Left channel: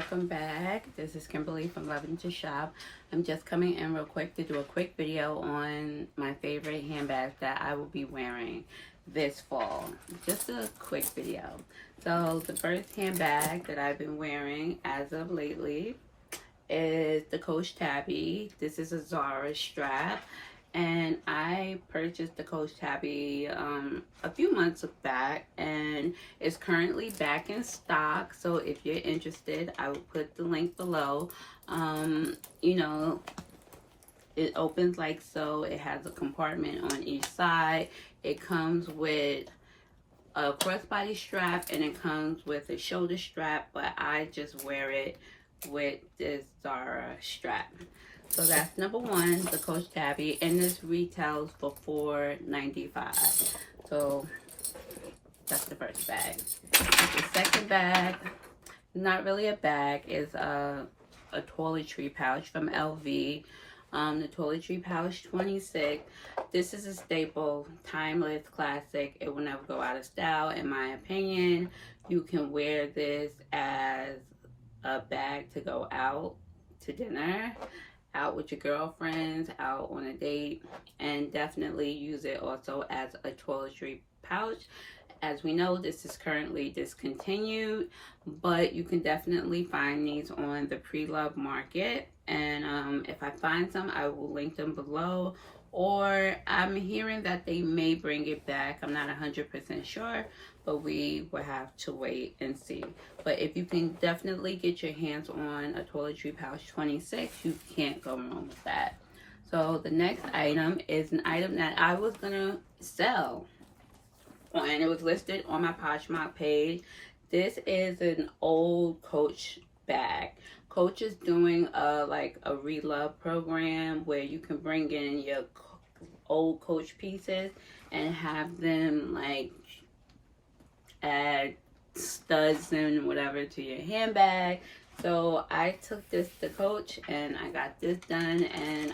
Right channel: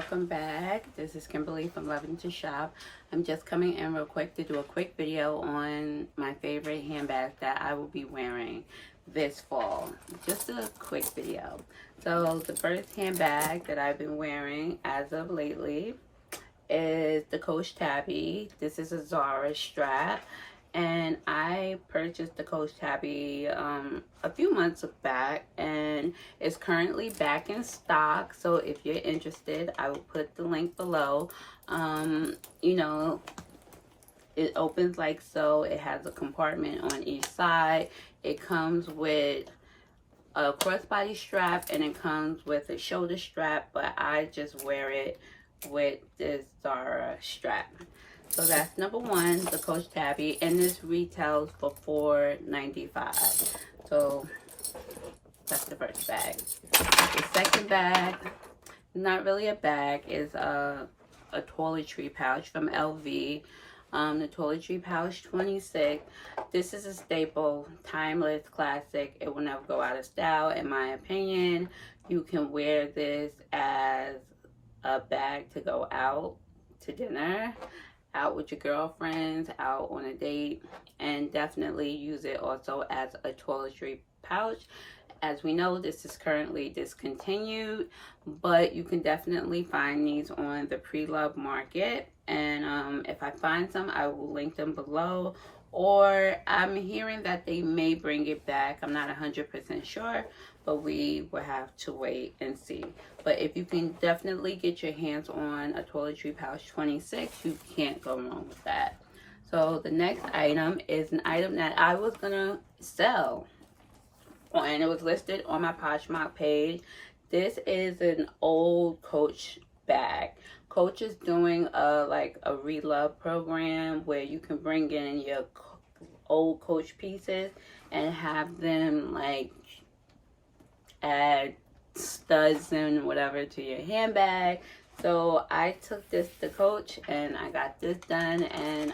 welcome back. This is Kimberly from Loving to Shop. I'm just coming in real quick to do a quick video on my favorite handbags that I will be wearing this fall. Just a quick video. So the first handbag that I've been wearing as of lately is the Coach Tabby. This is a Zara strap, and I purchased the Coach Tabby a few months back, and it's currently back in stock. So if you're interested, I will put the link below. You know, it opens like so. It has a compartment on each side. It comes with a crossbody strap, and it comes with a shoulder strap, but I just wear it with this Zara strap. So that's number one, the Coach Tabby, and this retails for $4.95. So that's the first bag. The second bag, not really a bag, is a toiletry pouch from LV. The Toiletry Pouch 26. This is a staple, timeless classic. It will never go out of style, in my opinion. You can wear this as a bag to go out to dinner, out with your girlfriends, out on a date, and definitely use it also as a toiletry pouch. As we know, this is currently discontinued, but you can definitely find these on the pre-loved market, and if I find some, I will link them below. Or I'm hearing that they may bring it back. I'm not 100% sure, but we will have to wait and see. But if you can definitely get your hands on a Toiletry Pouch 26, you can't go wrong with that. So the next item is an item that I was gonna sell, and it was listed on my Pochette page. This is an old Coach bag. Coach is doing like a relove program where you can bring in your old Coach pieces and have them like add studs and whatever to your handbag. So I took this to Coach and I got this done, and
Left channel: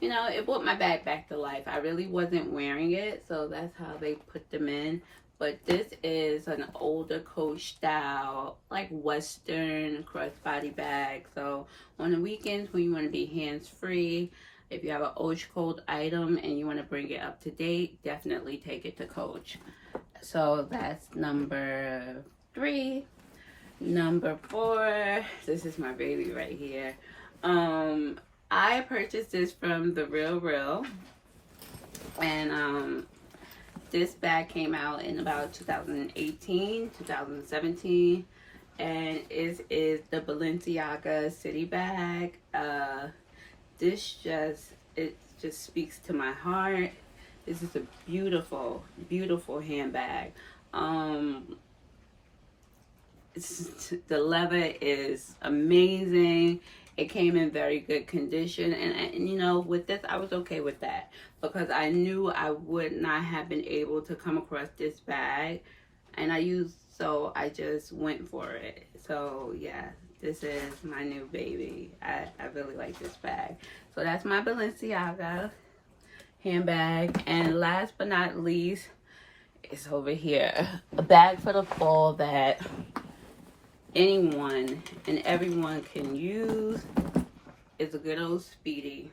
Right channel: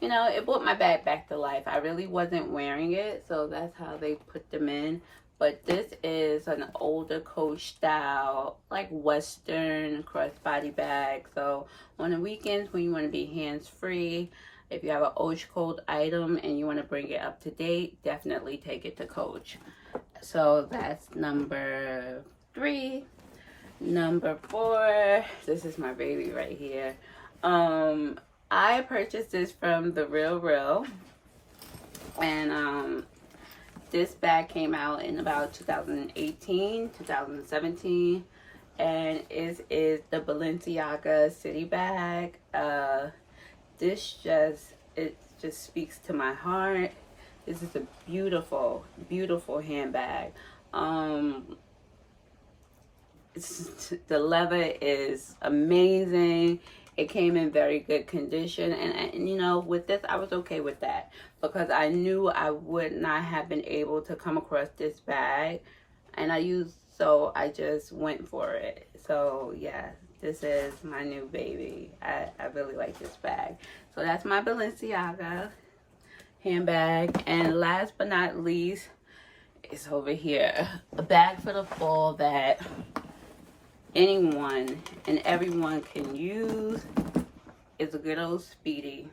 you know, it brought my bag back to life. I really wasn't wearing it, so that's how they put them in. But this is an older Coach style, like Western crossbody bag. So on the weekends when you want to be hands-free, if you have an cold item and you want to bring it up to date, definitely take it to Coach. So that's number 3. Number 4, this is my baby right here. I purchased this from The Real, and this bag came out in about 2018, 2017, and it is the Balenciaga City bag. This just speaks to my heart. This is a beautiful, beautiful handbag. The leather is amazing. It came in very good condition, and you know, with this, I was okay with that because I knew I would not have been able to come across this bag, and so I just went for it. So yeah, this is my new baby. I really like this bag. So that's my Balenciaga handbag, and last but not least, it's over here, a bag for the fall that anyone and everyone can use. Is a good old Speedy.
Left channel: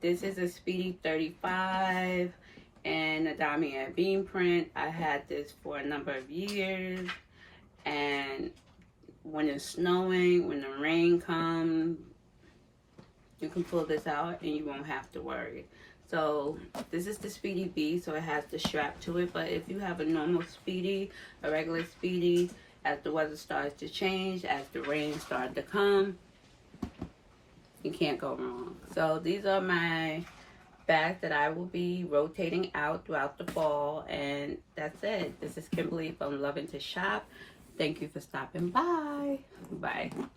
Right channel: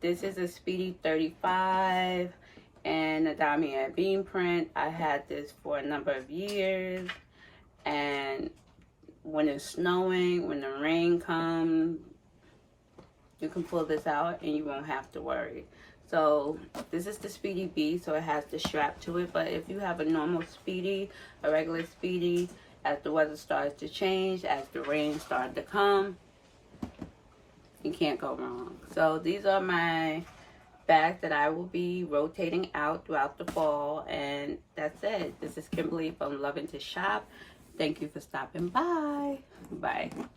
This is a Speedy 35 and a damier bean print. I had this for a number of years, and when it's snowing, when the rain comes, you can pull this out and you won't have to worry. So this is the Speedy B, so it has the strap to it. But if you have a normal Speedy, a regular Speedy, as the weather starts to change, as the rain starts to come, you can't go wrong. So these are my bags that I will be rotating out throughout the fall, and that's it. This is Kimberly from Loving to Shop. Thank you for stopping by. Bye.